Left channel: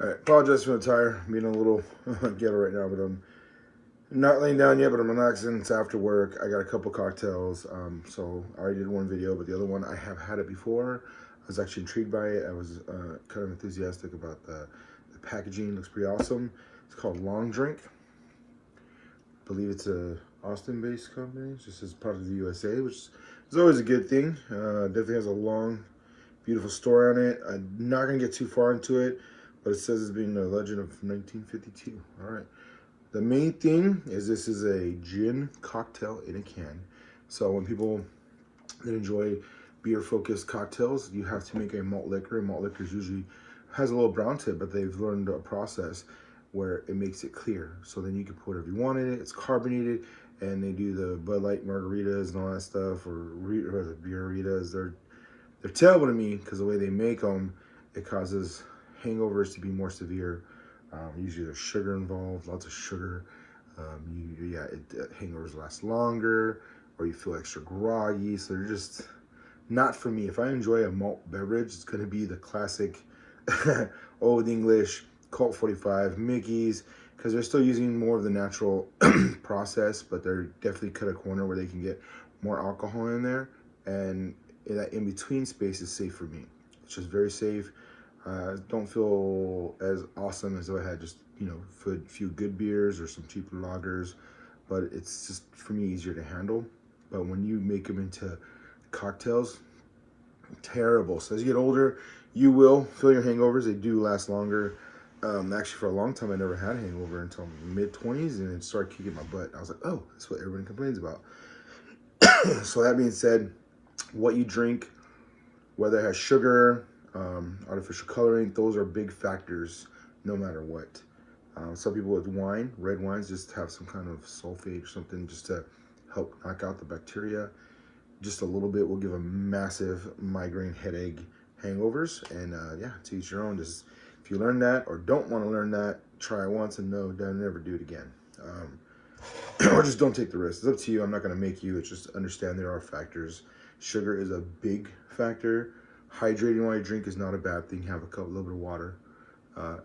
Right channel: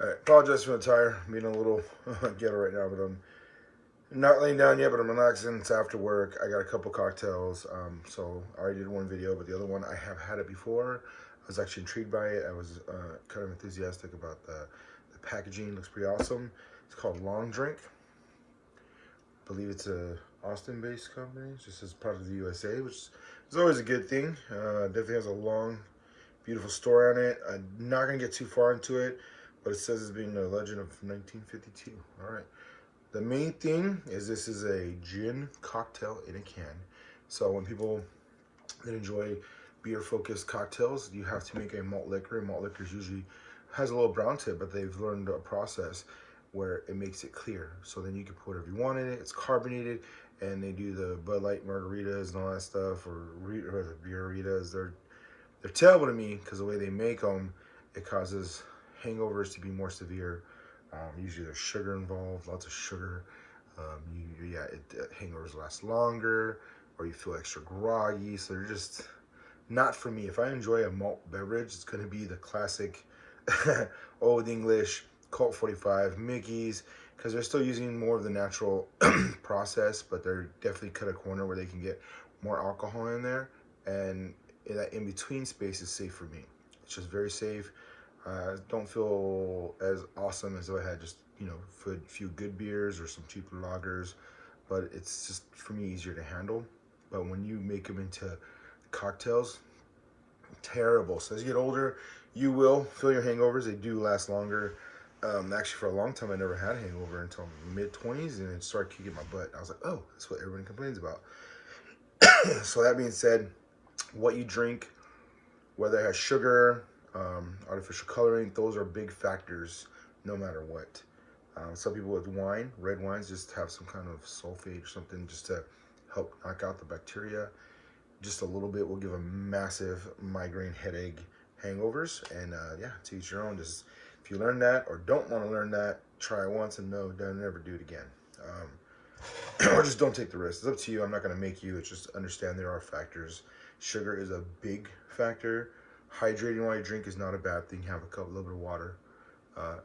All right, apologize for the tire, being a little ghetto right now, but I'm not laying down yet, but I'm relaxing. It's after work. I got a couple cocktails, so I already did one video, but the other one, I have had it before. I was actually intrigued by it. I was kind of enthusiastic about the packaging. Looks pretty awesome. It's called Long Drink. I believe it's a Austin-based company. It's just as part of the USA, which is always a good thing. Definitely has a long, beautiful story on it. I'm not gonna get too far into it, but it says it's being a legend of 1952. All right. The main thing is this is a gin cocktail in a can. So when people that enjoy beer-focused cocktails, you have to make a malt liquor. And malt liquor usually has a little brown tip, but they've learned a process where it makes it clear. So then you can put whatever you want in it. It's carbonated, and they do the Bud Light margaritas and all that stuff, or the beeritas. They're terrible to me because the way they make them, it causes hangovers to be more severe. Usually there's sugar involved, lots of sugar. Hangovers last longer, or you feel extra groggy. So they're just not for me. If I enjoy a malt beverage, it's going to be the classic Old English, Colt 45, Mickey's, because they're still using more of the natural process, but they're definitely cut a corner where they can get more alcohol in there. And that in-between space is safe for me. It's just very safe. Don't feel as awesome as if I had just, a few good beers or some cheaper lagers, but it's just, for me, easier to handle. But when you make them into cocktails, terrible. So as you get older, you will feel your hangovers. They do last longer. Actually, for a long time, I never had a hangover until mid-20s, and it started kicking my butt. I was like, oh, that's what everybody complains about. So that being said, what you drink, whether it has sugar, artificial coloring, those are big factors no matter what. Some people with wine, red wines, just have some kind of sulfate or something just to help knock out the bacteria. Just a little bit will give a massive migraine, headache, hangovers. And yeah, to each your own. Just, if you learn that or don't want to learn that, try it once and no, don't never do it again. Or just don't take the risk. It's up to you. I'm not going to make you. It's just understand there are factors. Sugar is a big factor. Hydrating while you drink is not a bad thing. Have a little bit of water.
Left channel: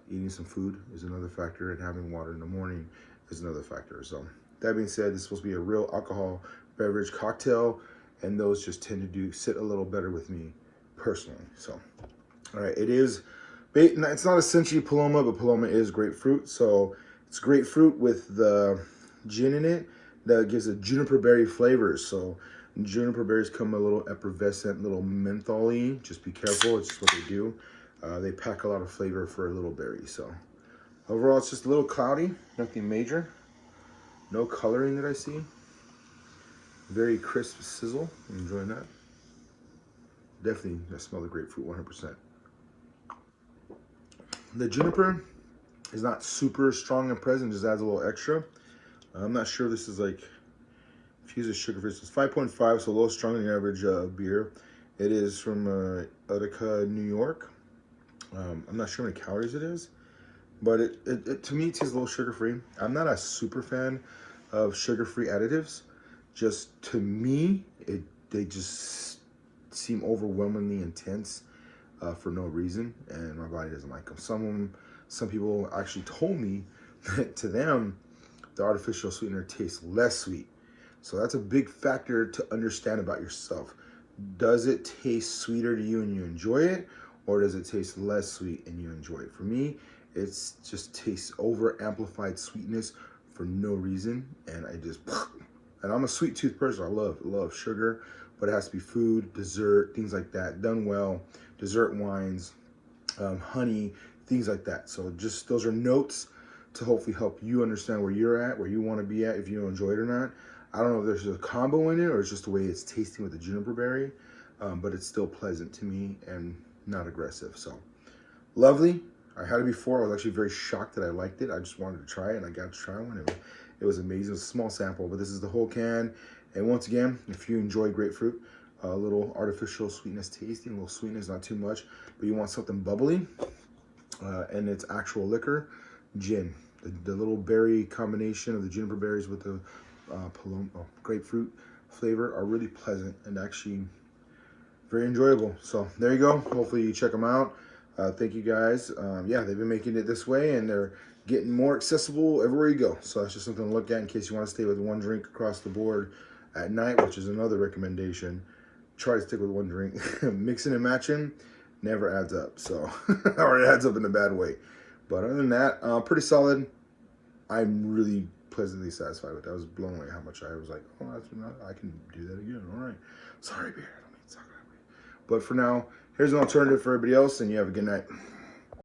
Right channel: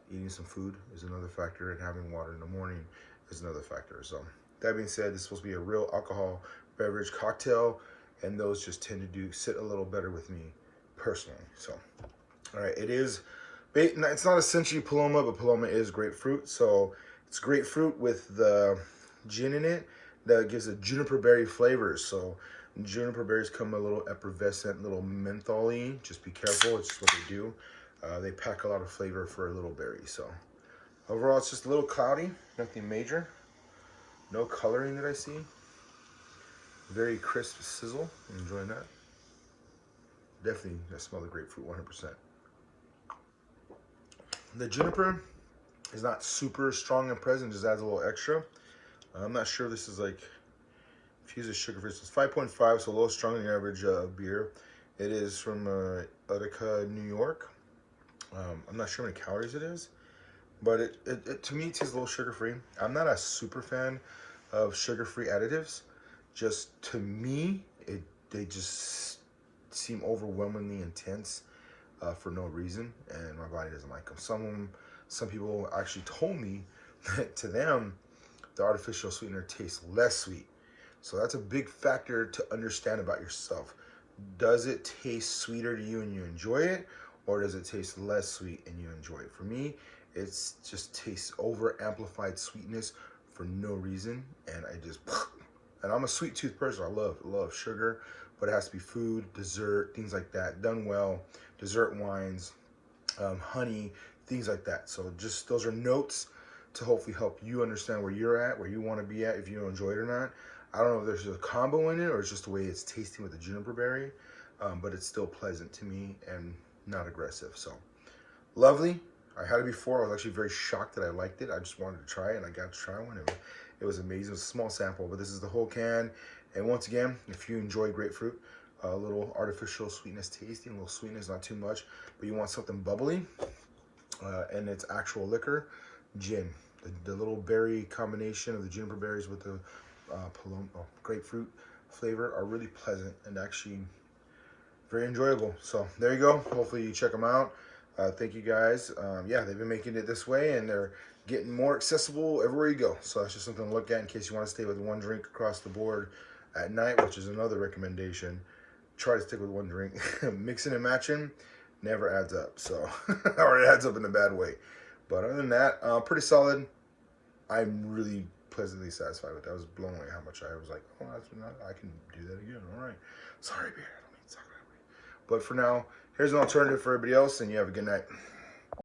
Eating some food is another factor, and having water in the morning is another factor. So that being said, this is supposed to be a real alcohol beverage cocktail, and those just tend to sit a little better with me personally. So, all right, it's not essentially Paloma, but Paloma is grapefruit. So it's grapefruit with the gin in it that gives a juniper berry flavors. So juniper berries come a little effervescent, little mentholy. Just be careful. It's just what they do. They pack a lot of flavor for a little berry. So overall, it's just a little cloudy. Nothing major. No coloring that I see. Very crisp sizzle. I'm enjoying that. Definitely, I smell the grapefruit 100%. The juniper is not super strong and present. Just adds a little extra. I'm not sure this is like infuses sugar-free. It's 5.5, so a little stronger than the average beer. It is from Utica, New York. I'm not sure how many calories it is, but it to me, it tastes a little sugar-free. I'm not a super fan of sugar-free additives. Just to me, they just seem overwhelmingly intense for no reason, and my body doesn't like them. Some people actually told me that to them, the artificial sweetener tastes less sweet. So that's a big factor to understand about yourself. Does it taste sweeter to you and you enjoy it? Or does it taste less sweet and you enjoy it? For me, it's just tastes over amplified sweetness for no reason. And and I'm a sweet tooth person. I love sugar, but it has to be food, dessert, things like that, done well, dessert wines, honey, things like that. So just those are notes to hopefully help you understand where you're at, where you want to be at, if you enjoy it or not. I don't know if there's a combo in it or it's just the way it's tasting with the juniper berry, but it's still pleasant to me and not aggressive. So lovely. I had it before. I was actually very shocked that I liked it. I just wanted to try it, and I got to try one. It was amazing. It was a small sample, but this is the whole can. And once again, if you enjoy grapefruit, a little artificial sweetness tasting, a little sweetness, not too much, but you want something bubbly, and it's actual liquor, gin. The little berry combination of the juniper berries with the grapefruit flavor are really pleasant and actually very enjoyable. So there you go. Hopefully you check them out. Thank you guys. Yeah, they've been making it this way, and they're getting more accessible everywhere you go. So that's just something to look at in case you want to stay with one drink across the board at night, which is another recommendation. Try to stick with one drink. Mixing and matching never adds up. So, or it adds up in a bad way. But other than that, pretty solid. I'm really pleasantly satisfied with that. I was blown away how much I was like, oh, I can do that again. All right. Sorry, beer. I don't mean to talk that way. But for now, here's an alternative for everybody else, and you have a good night.